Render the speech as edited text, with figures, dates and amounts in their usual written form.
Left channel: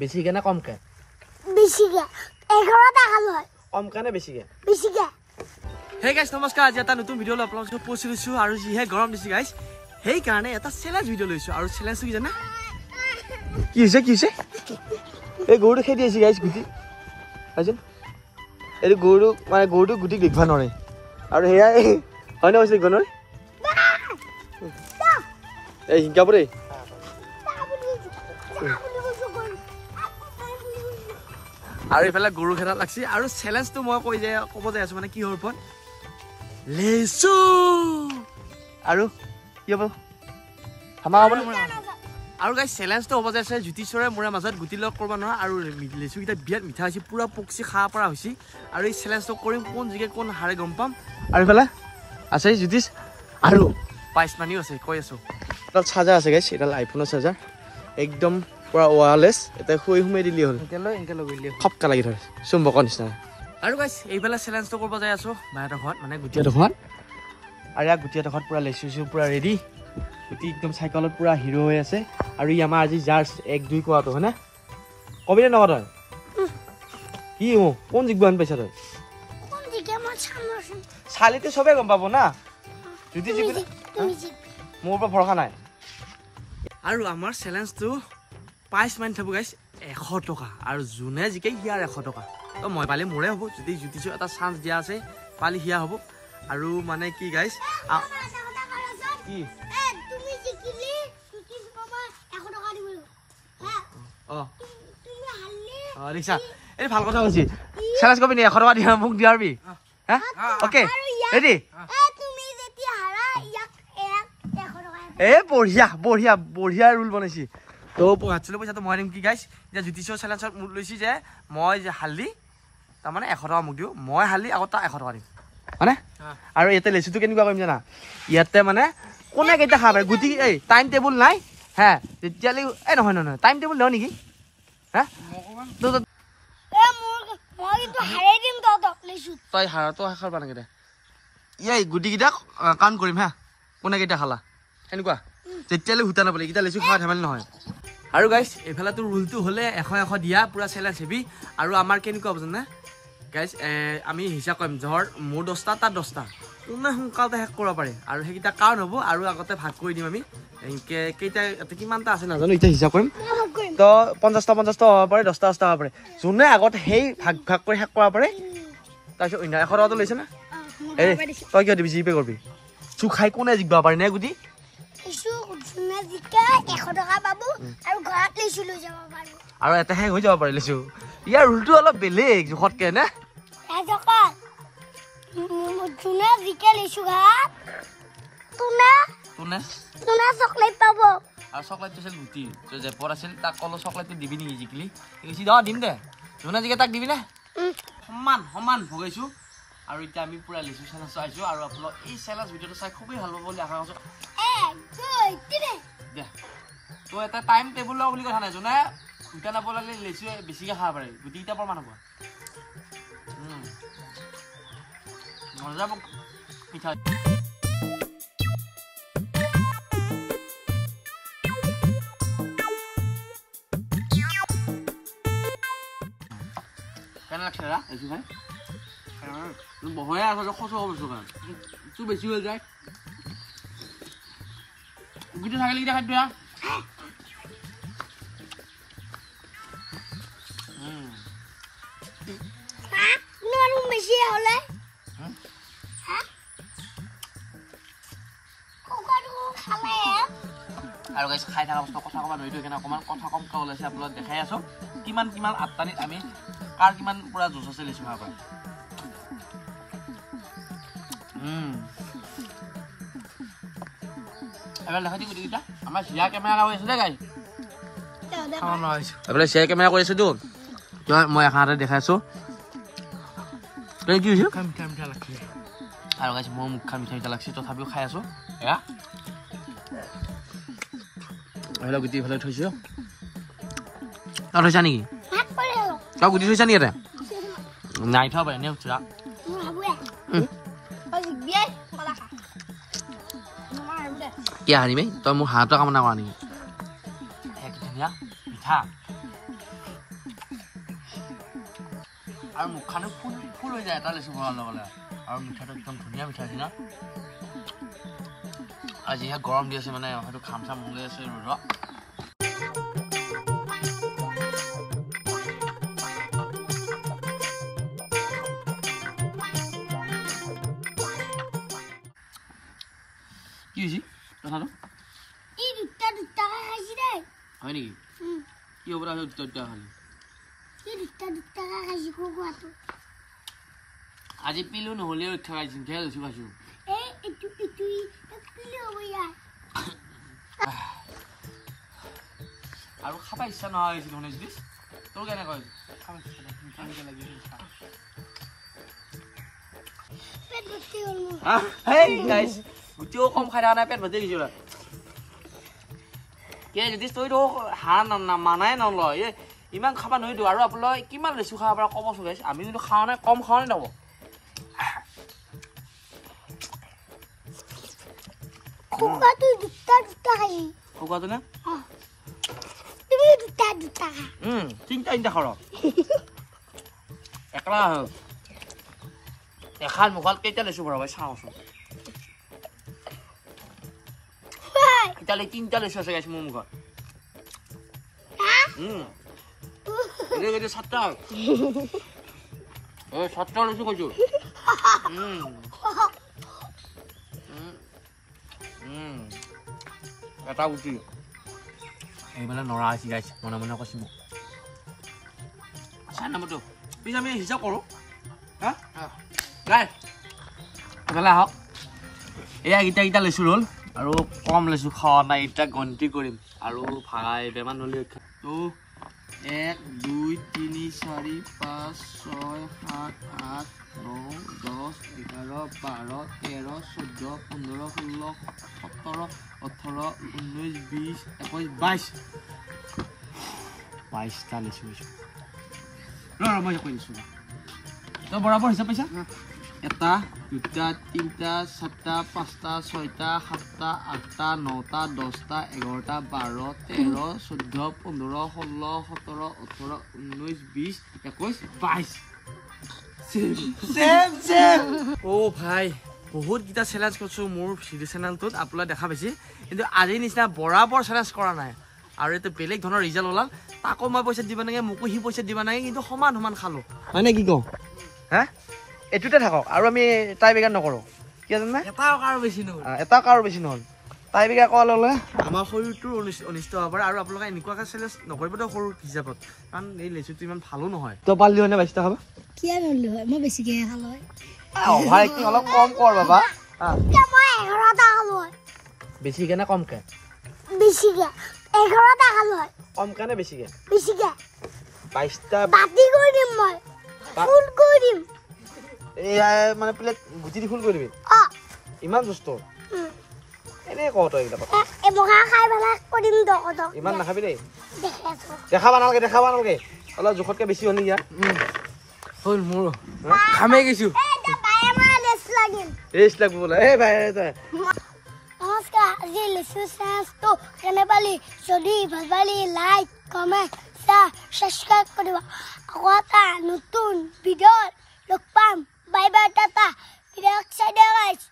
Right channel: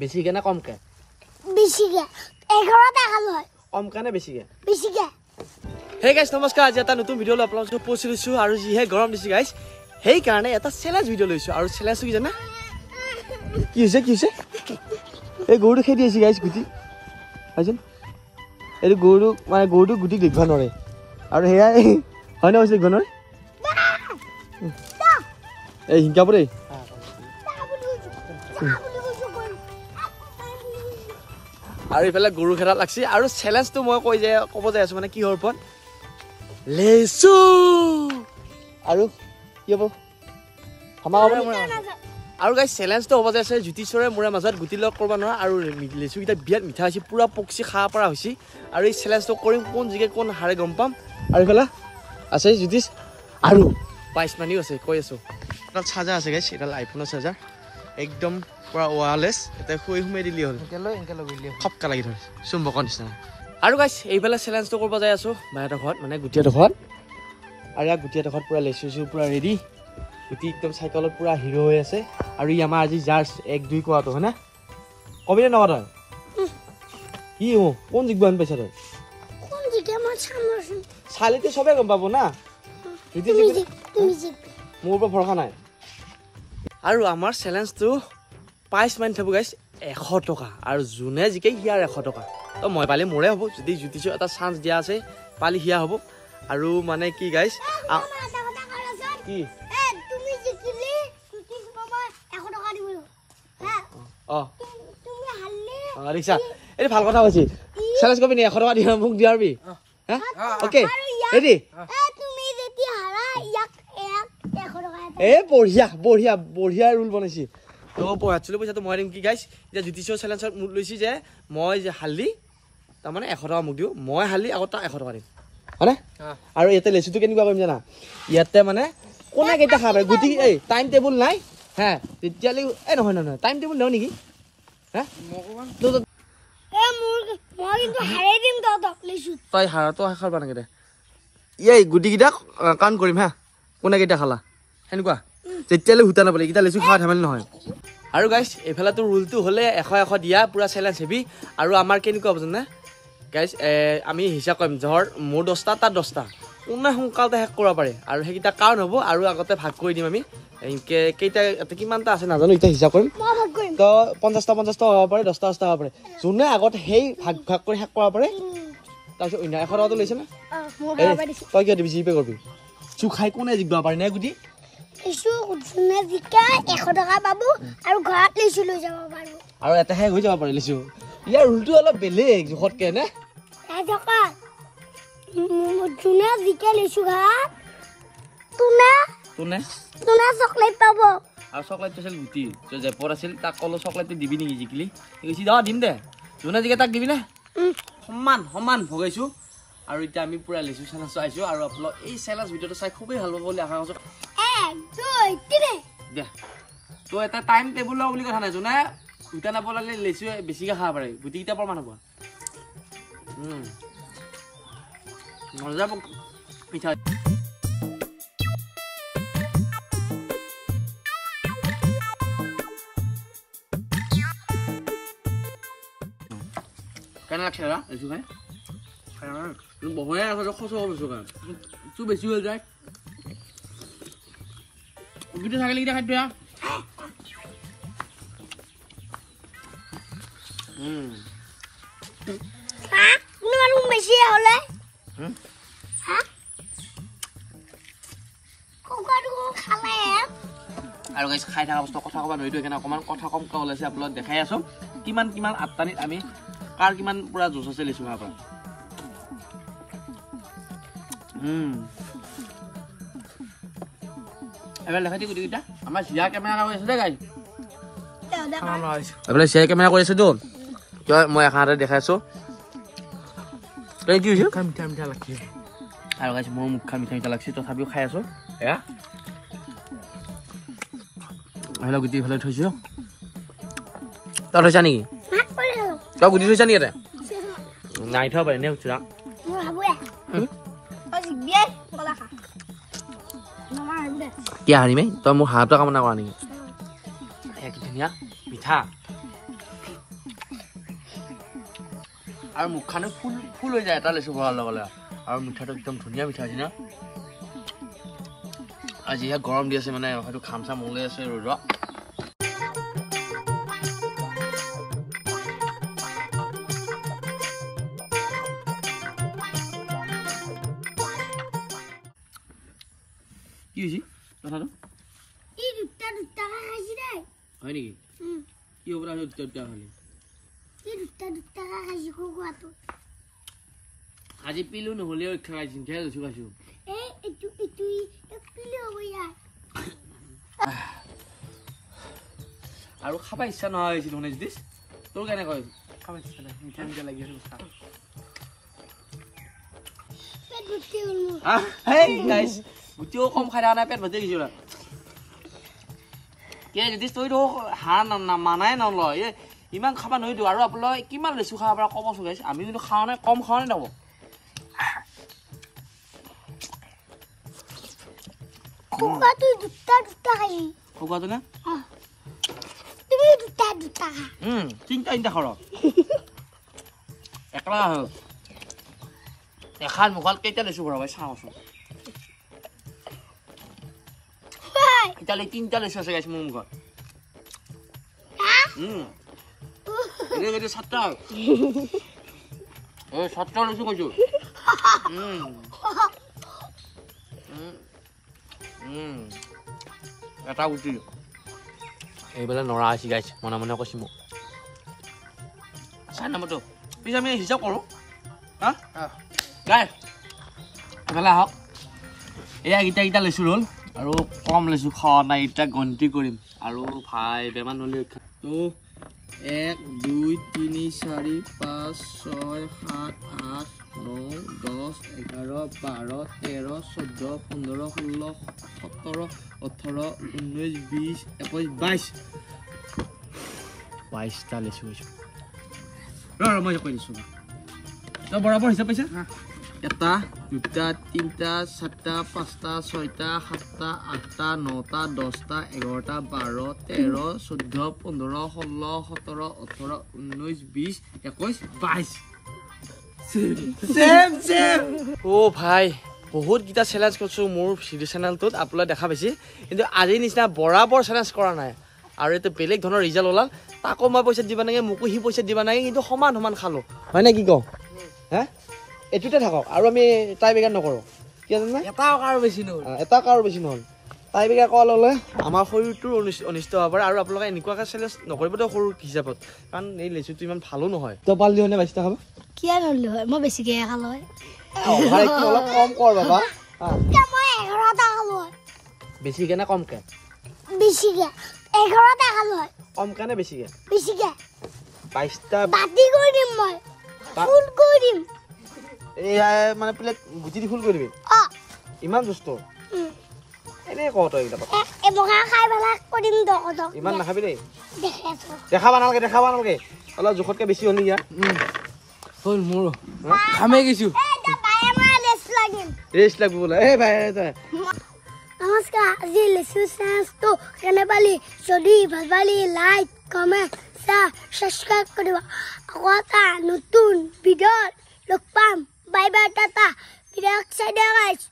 বেশি কে না কম কে বেশি কে 11 টাকা লয় কম কানে বেশি কে হে গাইস নমস্কাৰ আজি এটা নতুন ভিডিঅ' আপোনালোকক পোষ্ট কৰিছো আৰু যিহে গৰম দিছে গাইস সেই কাৰণে এটা চ্যালেঞ্জ ভিডিঅ' লৈছো আৰু চ্যালেঞ্জটো কি জানা কি হৈছে এই গৰুটো খেদি আছে গাইস গুটি আছে এই গৰু মানে গৰুটো গুটি কি ঘনৰে আৰু হেয়া পানী হৈছে ঘনৰে এই হিংকা পৰে আৰু ইফালে গৰু খেলা লাগছি আৰু চ্যালেঞ্জটো মই ক'ব যাই আছো মানে কি হৰ ওপৰত লেচু আৰু কি হ'ব আৰু গাইস চ্যালেঞ্জটো হ'ব যাই আছে জ্যোতিষৰে মোৰে মাজত গুটি লগ কৰিব নোৱাৰা আৰু লেচু কিটা বিয়াত মিঠা হৈছে পুৰা পকছি খা পৰা হৈছে আৰু এই চ্যালেঞ্জটো কৰিম কোন জিকে কোন হাৰে গম পাম আৰু ইফালে আছে জ্যোতিষ আৰু পাইছ মানিও আছে কৈ আছো এটা চাৰ্জাৰ আছে গাইস এটা আইফোনৰ চাৰ্জাৰ একদম পুৰা ওয়াৰলেস এটা খুই হুমে দিলি হল এনকে লগুইলে খপকা লাগি ধৰে চুম্বকৰ নিচিনা আৰু গাইস এইফালে চ্যালেঞ্জটো কৰিব যাই আছো বাইটা ঘৰত মানে গুটিয়াটো ঘৰত আৰু ইয়া গুটিয়াটো ঘৰত পুৰা লেচু পুৰা ৰেডি গুটি একদম সাইকেলত পুৰা হিৰো হৈ আছে আৰু ই আমাৰ আজি জাজ 1-2 কোৱাটো হনা কবিলে নগৰ তই কি ও কোন জিগবান পাইছা তই কোন দিকে মই চামৰছ চালিতে সবে গম পাবো না যদি তুমি মোৰ ওপৰত ভৰসা নাই আৰু আমাৰ চ্যালেঞ্জটো পাইছ মান থাকব গাইস 100 টকা আৰু জুনে জিকে হিয়াৰ 100 টকা তো মই পালে মোৰে হ'ব যদি জ্যোতিষৰ এটা চান্স দিয়া আছে পালি হিয়া হ'ব আৰু মানে কি গাইস কি তুমি জিকিলি জ্যোতিষ বাবা 100 টাকা দিব হ্যাঁ তুমি হাল্লি ৰিক্সা এই ভাল কথা কৈছি চ্যালেঞ্জ কবি নি 100 টকা দিয়া মোক দিয়াৰবি হ্যাঁ ওকে ৰেডি তুমি যদি হাৰা ইয়াক 100 টাকা এ বঢ়িয়া ৰুল বনাইছি তো একচুৱেলি পইচাটো মই দিম কি গাইছ এতিয়া জ্যোতিষৰ চ্যালেঞ্জত মোক লৈছি যে মই যে হালি তাৰমানে 100 টকা মোক দিও মই হালি আগত 100 টকা দিম হয়নে আৰু ইয়াতে লেচুটো কেনেকুৱা কৰিম জানা ইয়াতে মানে কোনে কেইটা খাবে গুটি এই টাইম টেবুল নাই হ্যাঁ তেতিয়ালে এই নহয় টাইম টেবুল লও নেকি হ্যাঁ তো মই কিন্তু হাৰাই দিম তক লেচু তই হাৰাটো খাবা নাগে দে এই গুটি কিটা কাউণ্ট কৰিম হা কোনে কেইটা খালা এনেকুৱা তেতিয়ালে হুতা নাপালে কিটা লেচু খোৱা ধেমালি নহয় আৰু গাইস এফালাটো ৰুলটো হলে 100 দিয়া পুৰা চ্যালেঞ্জ হেবি আৰু আমাৰ কেনেকুৱা হ'ব জানা গাইস আমি হিসাব কৰিম ধৰ মোৰ 10টা তাৰ 10টা কোনে সোনকালতে শেষ কৰিব পাৰে আৰু সেইকিটা কাৰণ হ'ব আৰু আগতে ভাগ কৰি দিম আমি কেইটা কিমানটা আছে নাজানো এতিয়া হিসাব কৰিম তো 50টা হ'ব পাৰে 10টা হ'ব পাৰে যোনে আগত সেই ভাগ কৰি শেষ কৰিব পাৰে তাৰপিছত 100 টকাটো লৈছে না তই কিয় দিবি জিপে কৰিবি চুখাই কোনে জিকিব পাৰে নে গুটি লেচু যোনে জিকা 100 টকা পাব আৰু ঘৰত লেচু লৈ যাব পাৰিব আৰু এটা শেষ হৈ যাব পাৰে লেচু ইয়াৰ ৰুলটো অলপ বেলেগ জোখতকে নে ৰাজকা যোনে জিকা লেচু ঘাট তুনা চকলেট পাব আৰু চকলেটটো আছিল গুটি যে জেপৰ আছিল তাক কলো চকলেটটো দিবি নেকি জিকিলি কৈছি দিম দে যোনে জিকে তাক দিবি না সমান ভগাইছো আৰু এতিয়া আমি পুৰা লেচু চ্যালেঞ্জ চাইছো আৰু আপোনালোক এই চ্যালেঞ্জ ভিডিঅ'টো চাই খুবেই ভাল পাব বুলি আশা কৰিছো 1 2 3 দে তো এটা টাইম টেবুল লও বুলি কথা নাই যোনে উঠা নাপ লাগিলে লেচু বেছিকে খাব পাৰে গুটিকেইটা প্ৰমাণ হ'ব মজা পিঠা কেনে লাগছে দাদা লেচু খাই বহয়া আছে খচ বস্তু কাৰণ তো বেছি হৈ যায় গুটি থাকিলে কিটা খাদ্য নোৱাৰো বেছি হলে আৰু গাইছ খাই থকা বস্তু কথা ক'বা নোৱাৰিতো সেইকাৰণে অকণমান কথা কমকৈ ওলাইছে আপোনালোক দেখাই আছো কিমান আঠটানিত আমি কাৰ কিমান পুৰা জোচ আছে লেচু খাব পাৰোঁ এবাৰ দেখাই দিম গুটিকেইটা আমাৰ চিয়া কেমেৰা কৰি আছো দেই গাইছ এইফালে চিয়া কেমেৰা কৰি আছোতো মই এখানতে দেখাই আছো কি হৈছে মিঠা লাগছে আৰু গাইছ মোৰ মুখ মিঠা লাগছে তথাপিও খাই আছো এয়া গুটি ফালে থৈছো তই থৈছা নেকি তই গুটি থৈছা নেকি নাই থোৱা পাৰে এনে খুচুৰা কি হাৰিমে তই মোৰ হাতটো কামনা কৰা নেকি এক ধুনীয়া মিঠা আৰু মুখখানো ফুল ফুল হৈ যায় এটা লেচু ভৰাৰ লগে আৰু মিঠাটো একদম ধুনীয়া মিঠা হৈছে না আৰু যিহে গৰম দি আছে মানে হয়তো খাম চাম ওলাই আছে ৰ'দ কি হৈছে কথাটো এই দুটা খাইছি দেই হয় নেকি কি হ'ব দুটা খালি এই দুটা খাইছি খোৱাটো আজি পিলো নহ'লেও ইচ্ছা খাইছোঁ ধেৰ লৈছোঁ খাইছোঁ এই এইটো পিলে হ'ব ইয়াৰ আৰু খাব ইচ্ছা নোহোৱা হৈছিল মানে যদি তোৰ কেনেকৈ খাব ইচ্ছা নাই মিঠা মিঠা লাগি আছে পেট ভৰ্তি হ'ল মোৰ গোটেও কম খাই দিয়া নাই পেট ভৰ্তি দিছোঁ যদি তইতো হাঁহ মানাই নলয় ইমান খাব নোৱাৰিতো আৰু আপোনালোকে কিমান লেচু খাব পৰা কম চলাইছে আমি কিন্তু খাওঁ নাই কম খাওঁ নাই নকওঁ খোৱাটো দুটা খাইছি খোৱাটো নে তুমি দুটা তিনিটা খৰ একলা হ'ল এখন মুখত কেইটা লেচু ভৰাব চাওঁচোন এতিয়ালৈ তিনিটা লেচু আছে গাইছে মোৰ মুখত ছাত্ৰ ছাত্ৰ লৈছো কৈছো এটা গুটি এইবেলা নৰা আছে গাইছে মনে মনে কৈছো মোক চাই নামতো পিছ আমি হিচাপ কৰো হা গাই এইবেলা হওক এয়া গীতা লেচু ৰ'ল আৰু কম লেচু খাৱা নাই এতিয়া গন্তি কৰিম আৰু ভাই বেমাৰ হ'লে তো 1 2 3 4 5 6 7 8 9 10 11 12 13 14 15 16 17 18 19 20 21 22টা লেচু হৈছে মই কৈ দিছোঁ তই বৰাবৰ হিচাপ পাইছা এটা দুটা তিনিটা চাৰিটা পাঁচটা ছয়টা সাতটা আঠটা নটা 10টা 11টা 12 13 14 15 16 17 18 19 20 21 22 অ' ভাই বহুত গীতা চেলেঞ্জ কৰিছোঁ মোৰ ভিডিঅ' চেনেলটোত আপোনালোকে দেখা পাইছে কিন্তু আজিৰ নিচিনা বৰাবৰ চেলেঞ্জ কৰা নাই আৰু এইটো বেলেগ ধৰণৰ ৰিজাল্ট ওলাল তাকো মই পইচা দিবা নাগে মোকো সি পইচা দিবা নাগে কিন্তু সমান সমান খালোঁ হয় নে কি কওঁ হা এইটোতে থাকক আৰু আমি টাই বেগাৰ নকৰোঁ কি জানে এটাও কাৰো বেছি নহ'ল টাই বেগাৰ কৰা ল'লে আমাৰ শৰীৰটোৰ অনিষ্ট হ'ব পাৰে আৰু আপোনালোকে এনেকুৱাকৈ চেলেঞ্জ নকৰিব তো সৰু হিচাপত কাৰণ এই লেচুটো ইমান ভালো নহয় তই পালি হয় নে 22টা খাবা কিয় নললো হয় মই বেছিকৈ খালোঁ ভাই অলপ কম কৰ বাবা বেছিকৈ নে কম খায় বেছিকৈ 11টা খালোঁ কম খায় নে বেছিকৈ 22টা বাতি কৰি দিম মই ফুল কৰি দিম এয়া মানে প্লেট গুটি ফুল কৰিবি ইমান বস্তু এনেই কওঁ তই খাই পেলাই কৰি দিম দক ইমান নাখাবি দেই দেখাব নালাগে অলপ জোখতকৈ বেছি হ'লি ইয়াত হ'ল মোৰ খামেই গৈছোঁ ৰেষ্ট লাগিব লাগে নমস্কাৰ আজি লেচু চেঞ্চটো কেনে পালি যদি ভাল পালি লাইক কমেণ্ট সাবস্ক্ৰাইব কৰিবা আকৌ এটা নতুন ভিডিঅ'ত লগ পাম বাই বাই টাটা ভিডিঅ' চাই দিয়া গাইছ